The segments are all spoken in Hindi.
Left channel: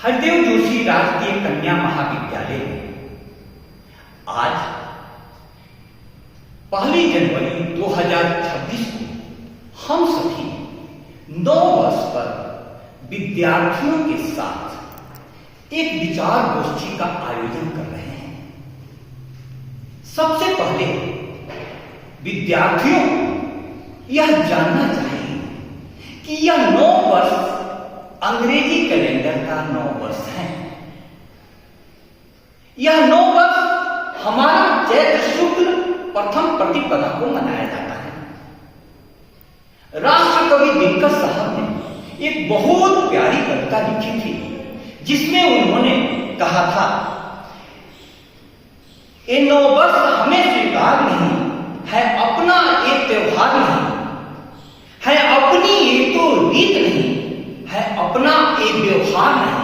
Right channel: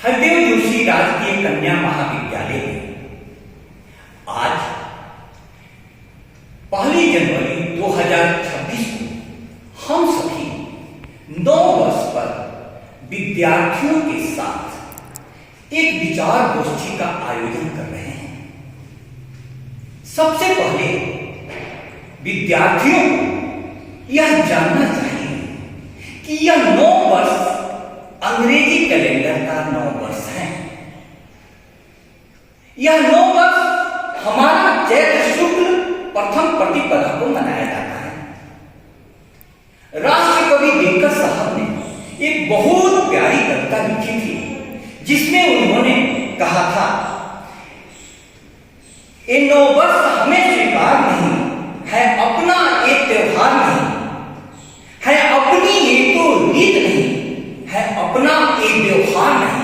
हरदेव जोशी राजकीय कन्या महाविद्यालय में आज 1 जनवरी 2026 को हम सभी 9 वर्ष पर विद्यार्थियों के साथ एक विचार गोष्ठी का आयोजन कर रहे हैं। सबसे पहले विद्यार्थियों को यह जानना चाहिए कि यह 9 वर्ष अंग्रेजी कैलेंडर का 9 वर्ष है। यह 9 वर्ष हमारा चैत्र शुक्ल प्रथम प्रतिपदा को मनाया जाता है। राष्ट्र कवि दिनकर साहब ने एक बहुत प्यारी कविता लिखी थी, जिसमें उन्होंने कहा था, ये 9 वर्ष हमें स्वीकार नहीं है, अपना एक त्योहार नहीं है, अपनी ये तो रीत नहीं है, अपना एक व्यवहार नहीं।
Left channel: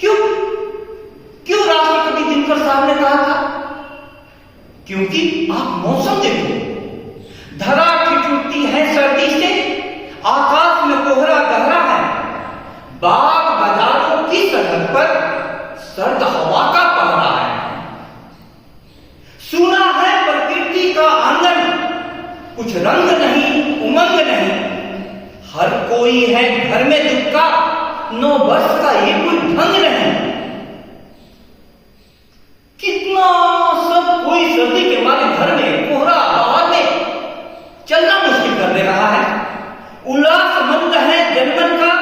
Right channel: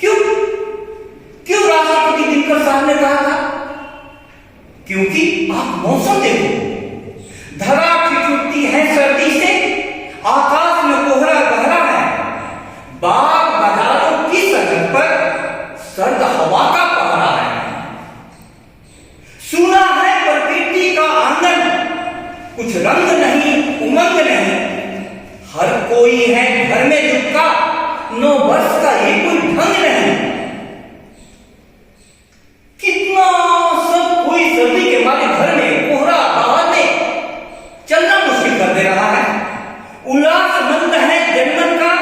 क्यों राष्ट्रपति दिनकर साहब ने कहा था? क्योंकि आप मौसम देखो, धरा ठिठुरती है सर्दी से, आकाश में कोहरा गहरा है, बाग बाजारों की सड़क पर सर्द हवा का पहरा है। सुना है प्रकृति का आंगन, कुछ रंग नहीं उमंग नहीं, हर कोई है घर में दुखा, 9 वर्ष का ये कोई ढंग नहीं। कितना सब कोई सर्दी के मारे घर में कोहरा बाहर में चलना मुश्किल कर दे रहा है। उल्लासमंद है जनमन का,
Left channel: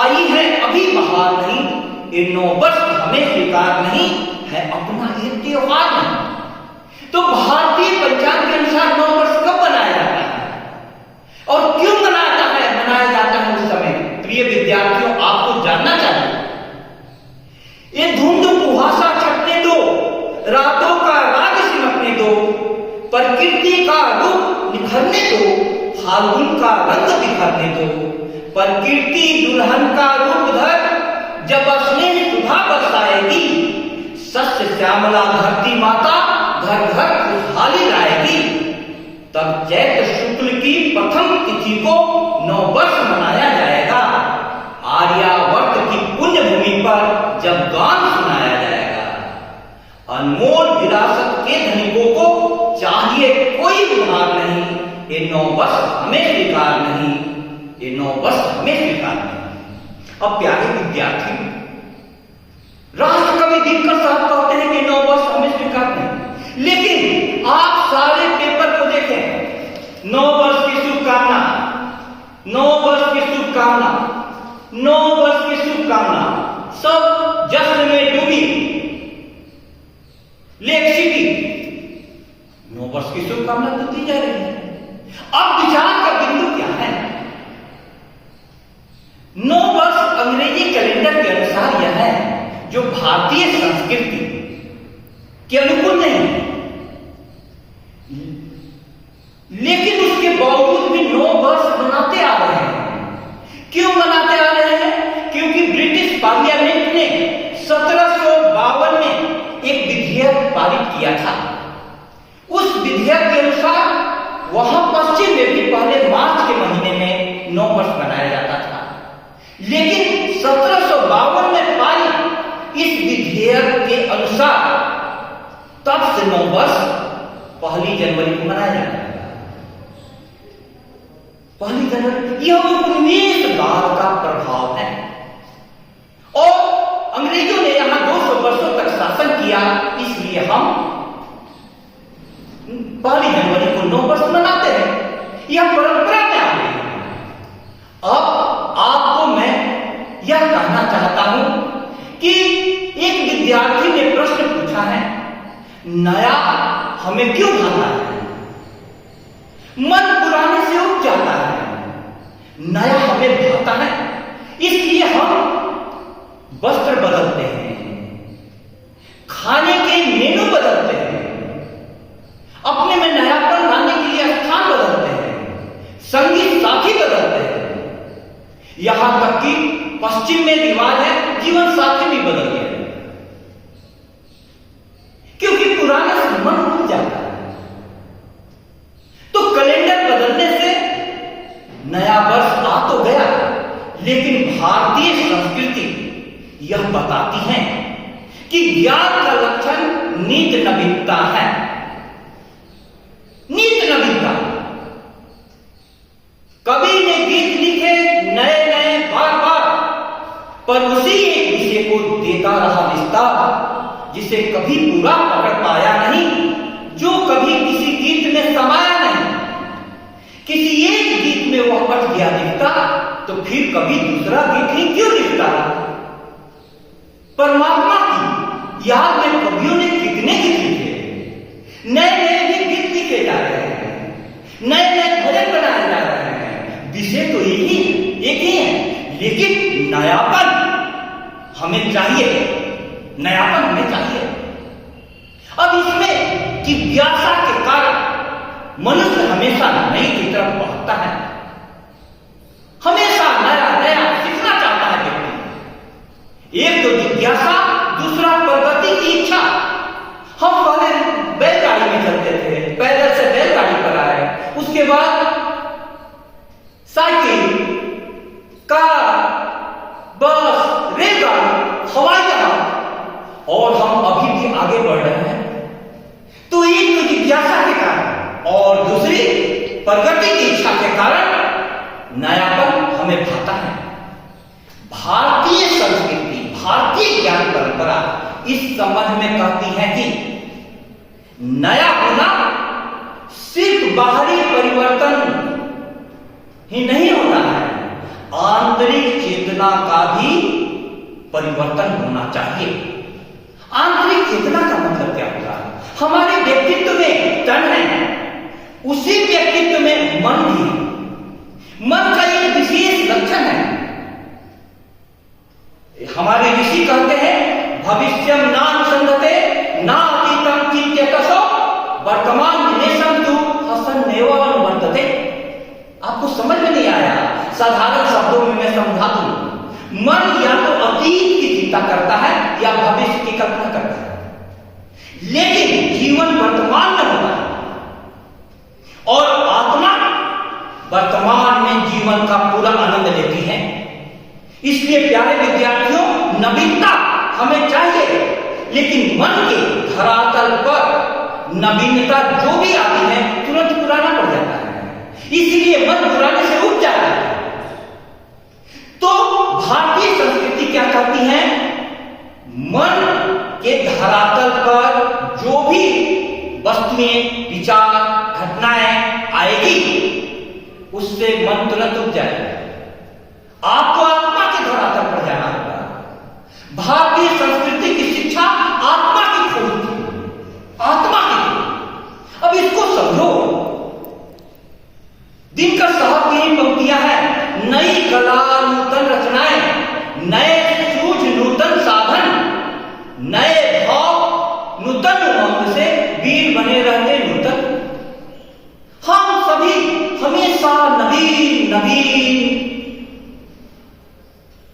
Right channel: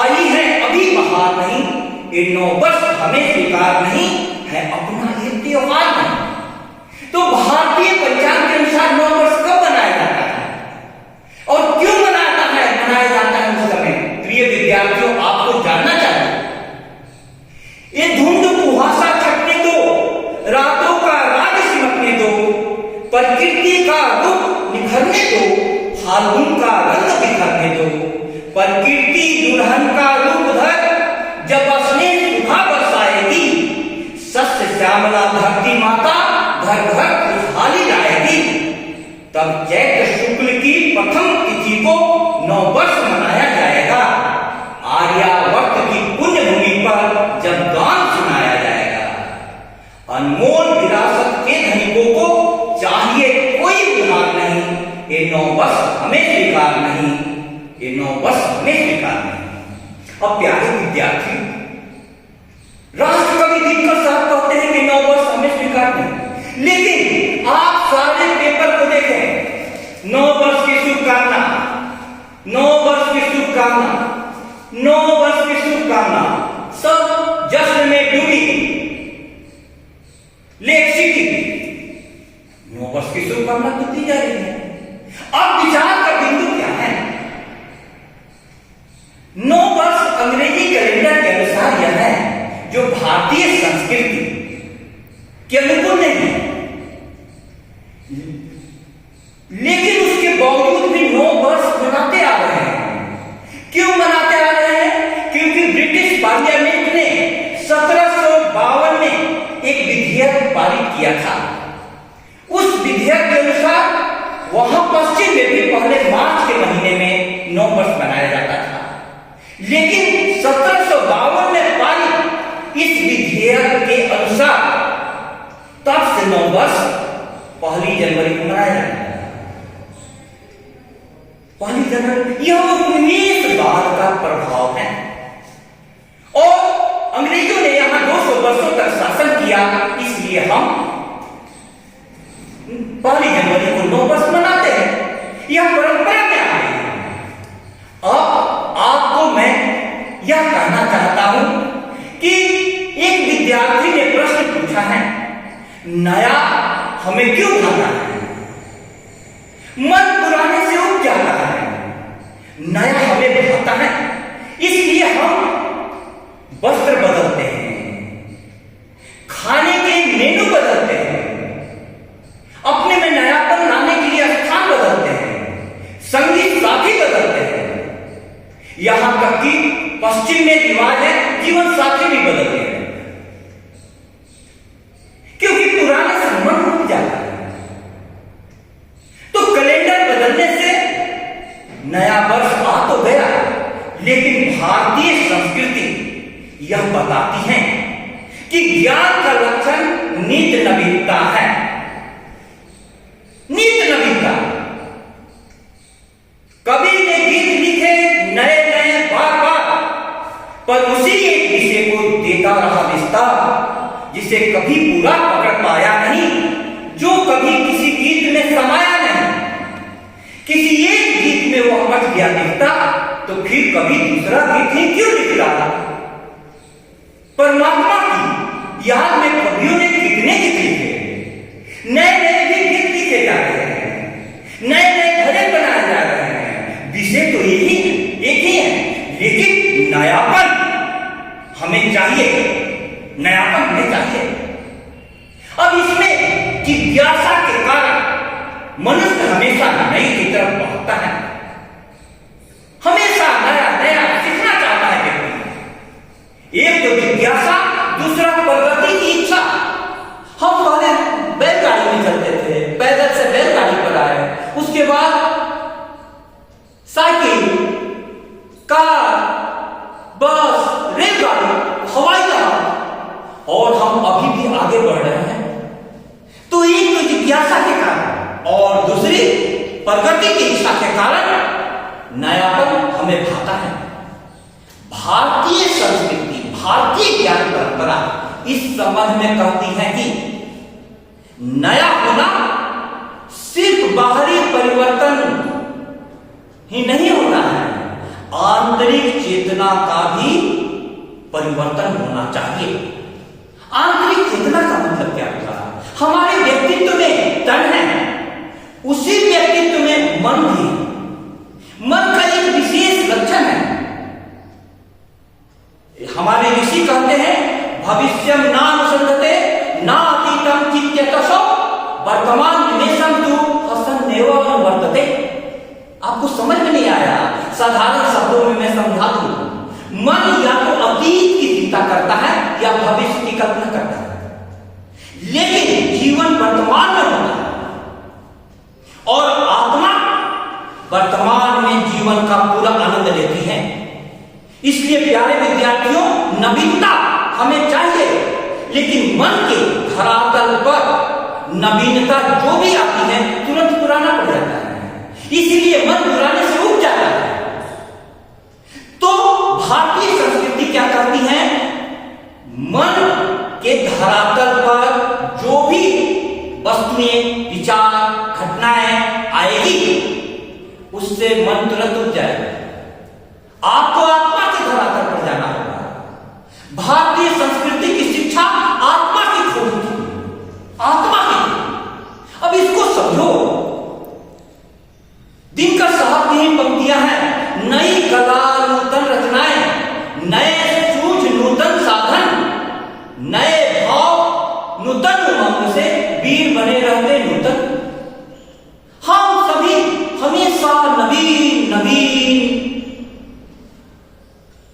आई है अभी बहार नहीं, ये 9 वर्ष हमें स्वीकार नहीं है, अपना ये त्योहार नहीं। तो भारतीय पंचांग के अनुसार 9 वर्ष कब मनाया जाता है और क्यों मनाया जाता है उस समय? प्रिय विद्यार्थियों, आपको जानना चाहिए। ये धुंध कुहासा छटने दो, रातों का राग सिमटने दो, प्रकृति का रूप निखरने दो, फाल्गुन का रंग बिखरने दो, प्रकृति दुल्हन का रूप धर, जब स्नेह सुधा बरसाएगी, सस्य श्यामला धरती माता घर घर खुशहाली लाएगी। तब चैत्र शुक्ल की प्रथम तिथि को 9 वर्ष मनाया जाएगा। आर्यावर्त की पुण्य भूमि पर जब गान सुनाया जाएगा। अनमोल विरासत के धनिकों को चाहिए कोई उधार नहीं, ये 9 वर्ष हमें स्वीकार नहीं, ये 9 वर्ष हमें स्वीकार नहीं। अब प्यारे विद्यार्थी, राष्ट्र कवि दिनकर साहब कहते हैं कि 9 वर्ष हमें स्वीकार नहीं, लेकिन आप सारे पेपर को देखें, 9 वर्ष की शुभकामना, 9 वर्ष की शुभकामना, 9 वर्ष की शुभकामना, सब जश्न में डूबी लेक सिटी, 9 वर्ष की शुभकामना तो दी जा रही है। अब विचार का बिंदु क्या है? 9 वर्ष अंग्रेजी कैलेंडर के अनुसार यह है जो भारतीय संस्कृति के अनुकूल नहीं है, लेकिन उसके बावजूद भी 9 वर्ष मनाते आ रहे हैं। क्यों मनाते आ रहे हैं? क्योंकि ब्रिटिश पार्लियामेंट ने 1752 में एक विधेयक पारित किया था। उस विधेयक के अनुसार वहां पश्चिम में भी पहले मार्च के महीने में 9 वर्ष मनाया जाता था, लेकिन 1752 में पारित इस विधेयक के अनुसार तब से 9 वर्ष 1 जनवरी को मनाया जाता है। 1 जनवरी यह 19 बार का प्रभाव है, और अंग्रेजों ने यहां 200 वर्षों तक शासन किया, इसलिए हम 1 जनवरी को 9 वर्ष मनाते हैं। यह परंपरा में आ गई है। अब आपको मैं यह कहना चाहता हूं कि एक विद्यार्थी ने प्रश्न पूछा है, नया हमें क्यों भाता है? मन पुराने से उब जाता है, नया हमें भाता है, इसलिए हम वस्त्र बदलते हैं, खाने के मेनू बदलते हैं, अपने में नयापन लाने के लिए स्थान बदलते हैं, संगीत साथी बदलते हैं, यहां तक कि पश्चिम में रिवाज है जीवन साथी भी बदलते हैं, क्योंकि पुराने से मन उब जाता है। तो कैलेंडर बदलने लेकिन भारतीय संस्कृति यह बताती है कि ज्ञान का लक्षण नित्य नवीनता है। नित्य नवीनता। कवि ने गीत लिखे नए नए बार बार, पर उसी एक विषय को देता रहा विस्तार, जिसे कभी पूरा पकड़ पाया नहीं, जो कभी किसी गीत में समाया नहीं। किसी एक गीत में वह अट गया दिखता, तो फिर कभी दूसरा गीत ही क्यों लिखता। परमात्मा की याद में कवियों ने कितने गीत लिखे, नए नए भी गीत लिखे जा रहे हैं, नए नए भजन बनाए जा रहे हैं। विषय तो एक ही है, लेकिन नयापन हमें चाहिए, नयापन हमें चाहिए। अब इसमें जिज्ञासा के कारण मनुष्य हमेशा नई की तरफ बढ़ता है, हमेशा नया नया सीखना चाहता है व्यक्ति। एक तो जिज्ञासा, दूसरा प्रगति की इच्छा। हम पहले बैलगाड़ी में चलते थे, पैदल से बैलगाड़ी पर आए, उसके बाद साइकिल, कार, बस, रेलगाड़ी, हवाई जहाज, और हम अभी भी आगे बढ़ रहे हैं। तो एक तो जिज्ञासा के कारण और दूसरी प्रगति की इच्छा के कारण नयापन हमें भाता है। भारतीय संस्कृति, भारतीय ज्ञान परंपरा इस संबंध में कहती है कि नया होना सिर्फ बाहरी परिवर्तन ही नहीं होता है, आंतरिक चेतना का भी परिवर्तन होना चाहिए। आंतरिक चेतना का मतलब क्या होता है? हमारे व्यक्तित्व में तन है, उसी व्यक्तित्व में मन भी है। मन का एक विशेष लक्षण है। हमारे ऋषि कहते हैं, भविष्यम नानुसंधते ना अतीतम चित्यतसो वर्तमान निमेषम तु हसन्नेव अनुवर्तते। आपको समझ में नहीं आया? साधारण शब्दों में मैं समझा दूं। मन या तो अतीत की चिंता करता है या भविष्य की कल्पना करता है, लेकिन जीवन वर्तमान में होता है, और आत्मा वर्तमान में जीवन का पूरा आनंद लेती है। इसलिए प्यारे विद्यार्थियों, नवीनता हमें चाहिए, लेकिन मन के धरातल पर नवीनता जो भी आती है तुरंत पुराना पड़ जाता है, इसलिए मन पुराने से उठ जाता है। तो भारतीय संस्कृति क्या कहती है? मन के धरातल पर जो भी वस्तुएं, विचार, घटनाएं आएगी, उससे मन तुरंत उठ जाएगा। आपको आत्मा के धरातल पर जाना होगा। भारतीय संस्कृति की शिक्षा आत्मा की खोज थी, आत्मा की। अब इसको समझो। दिनकर साहब की ही पंक्तियां हैं, नई कला नूतन रचनाएं, नए सूझ नूतन साधन, नए भाव नूतन उमंग से वीर बने रहते नूतन। हम सभी हमेशा नवीन नवीन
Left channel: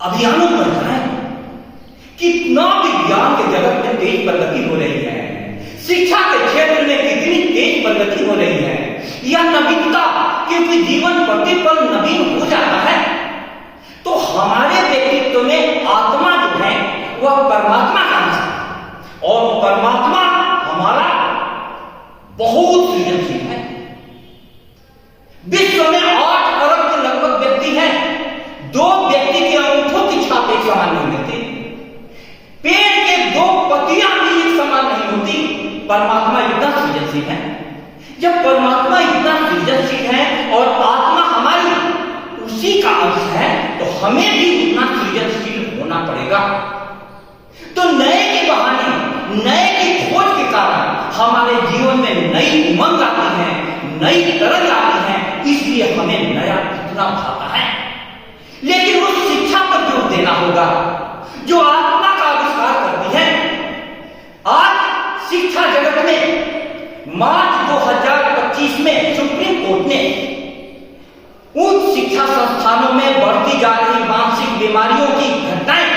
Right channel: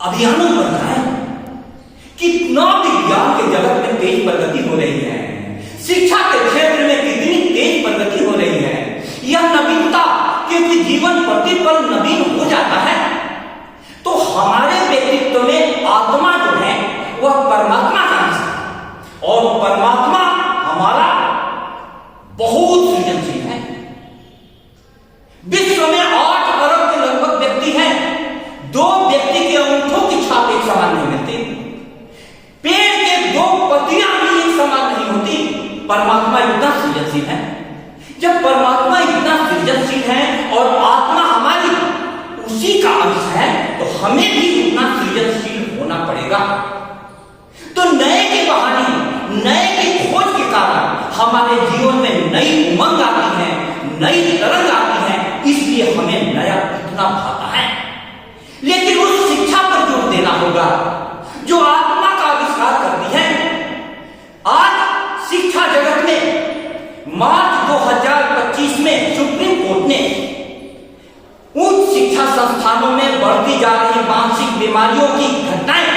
अभियानों पर जाएं। कितना विज्ञान के जगत में तेज प्रगति हो रही है, शिक्षा के क्षेत्र में कितनी तेज प्रगति हो रही है। यह नवीनता, क्योंकि जीवन प्रतिपल नवीन हो जाता है, तो हमारे व्यक्तित्व में आत्मा जो है वह परमात्मा का अंश है, और परमात्मा हमारा बहुत सृजनशील है। विश्व में 8 अरब के लगभग व्यक्ति हैं, 2 व्यक्ति के अंगूठों की छाप एक समान नहीं होती, पेड़ के 2 पत्तियां भी एक समान नहीं होती। परमात्मा इतना सृजनशील है। जब परमात्मा इतना सृजनशील है और आत्मा हमारी उसी का अंश है, तो हमें भी उतना सृजनशील होना पड़ेगा। तो नए के बहाने, नए की खोज के कारण हमारे जीवन में नई उमंग आती है, नई तरंग आती है, इसलिए हमें नया इतना भाता है। लेकिन उस शिक्षा पर जोर देना होगा जो आत्मा का आविष्कार करती है। आज शिक्षा जगत में मार्च 2025 में सुप्रीम कोर्ट ने उच्च शिक्षा संस्थानों में बढ़ती जा रही मानसिक बीमारियों की घटनाएं,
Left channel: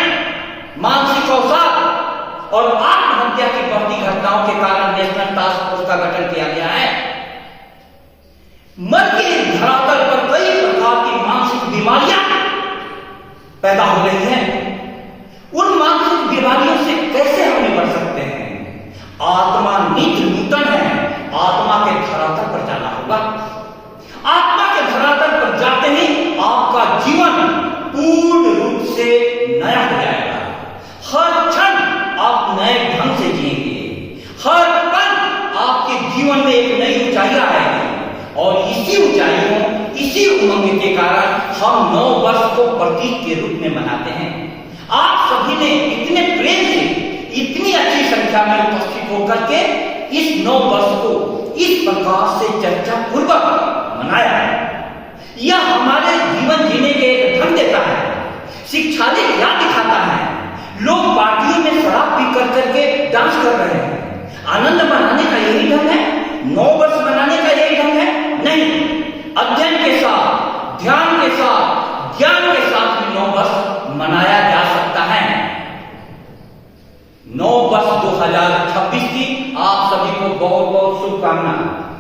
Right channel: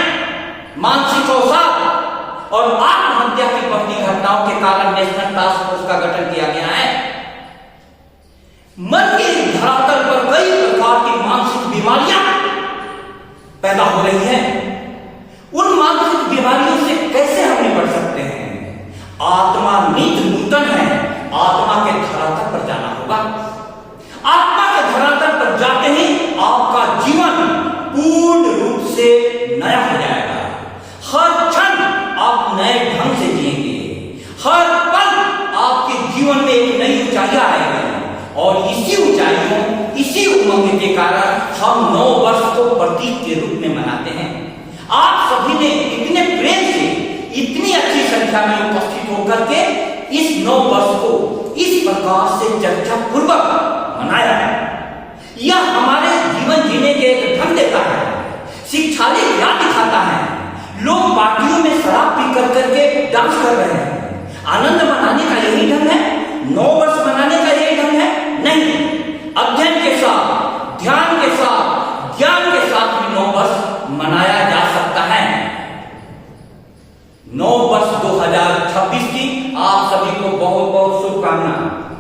मानसिक अवसाद और आत्महत्या की बढ़ती घटनाओं के कारण नेशनल टास्क फोर्स का गठन किया गया है। मन के धरातल पर कई प्रकार की मानसिक बीमारियां पैदा हो रही हैं, उन मानसिक बीमारियों से कैसे हम निपट सकते हैं? आत्मा नित्य नूतन है, आत्मा के धरातल पर जाना होगा। आत्मा के धरातल पर जाते ही आपका जीवन पूर्ण रूप से नया हो जाएगा। हर क्षण आप नए ढंग से जिएंगे, हर पल आपके जीवन में एक नई ऊंचाई आएगी, और इसी ऊंचाइयों, इसी उमंग के कारण हम 9 वर्ष को प्रतीक के रूप में मनाते हैं। आप सभी ने इतने प्रेम से, इतनी अच्छी संख्या में उपस्थित होकर के इस 9 वर्ष को इस प्रकार से चर्चा पूर्वक मनाया है। यह हमारे जीवन जीने के एक ढंग देता है, शिक्षालय ज्ञान दिखाता है। लोग पार्टियों में शराब पी करके डांस कर रहे हैं, आनंद मनाने का यही ढंग है? 9 वर्ष मनाने का यही ढंग है? नहीं, अध्ययन के साथ, ध्यान के साथ, ज्ञान के साथ 9 वर्ष मनाया जा सकता है। 9 वर्ष 2026 की आप सभी को बहुत बहुत शुभकामनाएं।